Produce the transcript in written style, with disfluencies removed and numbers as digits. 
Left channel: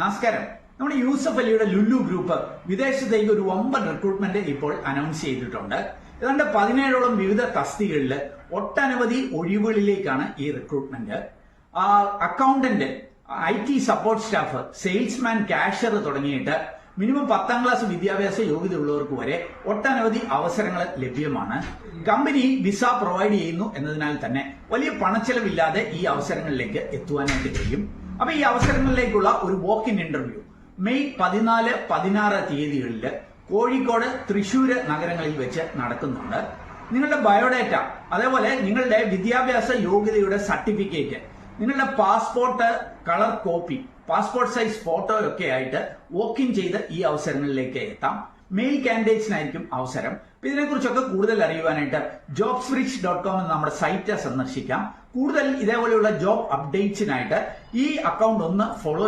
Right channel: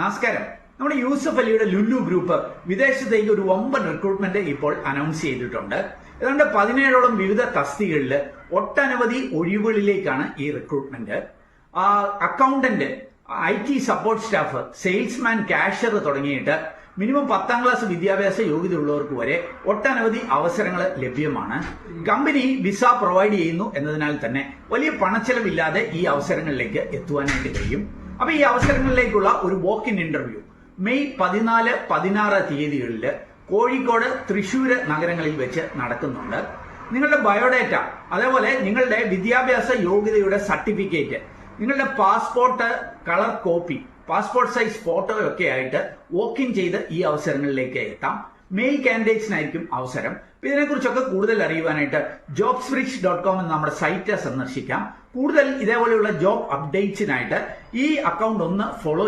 നമസ്കാരം. നമ്മുടെ യൂസഫ് അലിയുടെ ലുലു ഗ്രൂപ്പ് വിദേശത്തേക്ക് ഒരു വമ്പൻ റിക്രൂട്ട്മെന്റ് ഇപ്പോൾ അനൗൺസ് ചെയ്തിട്ടുണ്ട്. ഏതാണ്ട് 17ഓളം വിവിധ തസ്തികകളിൽ ഒട്ടനവധി ഒഴിവുകളിലേക്കാണ് ഈ recruitment. Accountant, IT support staff, salesman, cashier തുടങ്ങിയിട്ട് മിനിമം 10ാം ക്ലാസ് വിദ്യാഭ്യാസ യോഗ്യതയുള്ളവർക്ക് വരെ ഒട്ടനവധി അവസരങ്ങൾ ലഭ്യമാണ്. കമ്പനി വിസ പ്രൊവൈഡ് ചെയ്യുന്നു എന്നതിനാൽ തന്നെ വലിയ പണച്ചെലവില്ലാതെ ഈ അവസരങ്ങളിലേക്ക് എത്തുവാനായിട്ട് കഴിയും. അപ്പൊ ഈ അവസരങ്ങളിലേക്കുള്ള ഒരു വോക്ക് ഇൻ ഇന്റർവ്യൂ മെയ് 14, 16 തീയതികളിൽ കോഴിക്കോട്, തൃശ്ശൂര് നഗരങ്ങളിൽ വെച്ച് നടക്കുന്നുണ്ട്. നിങ്ങളുടെ ബയോഡേറ്റ, അതേപോലെ നിങ്ങളുടെ വിദ്യാഭ്യാസ യോഗ്യതയുടെ സർട്ടിഫിക്കറ്റ്, നിങ്ങളുടെ passport colour copy, passport size ഫോട്ടോയൊക്കെ ആയിട്ട് വോക്ക് ഇൻ ചെയ്ത് ഈ അവസരങ്ങളിലേക്ക് എത്താം. മെയിൽ കാൻഡിഡേറ്റ്സിനായിരിക്കും അവസരം. ഇതിനെക്കുറിച്ചൊക്കെ കൂടുതൽ അറിയുവാനായിട്ട് jobsbridge.com എന്ന നമ്മുടെ സൈറ്റ് സന്ദർശിക്കാം. കൂടുതൽ ഇതേപോലെയുള്ള ജോബ് അപ്ഡേറ്റ്സിനായിട്ട് ഈ അക്കൗണ്ട് ഒന്ന് ഫോളോ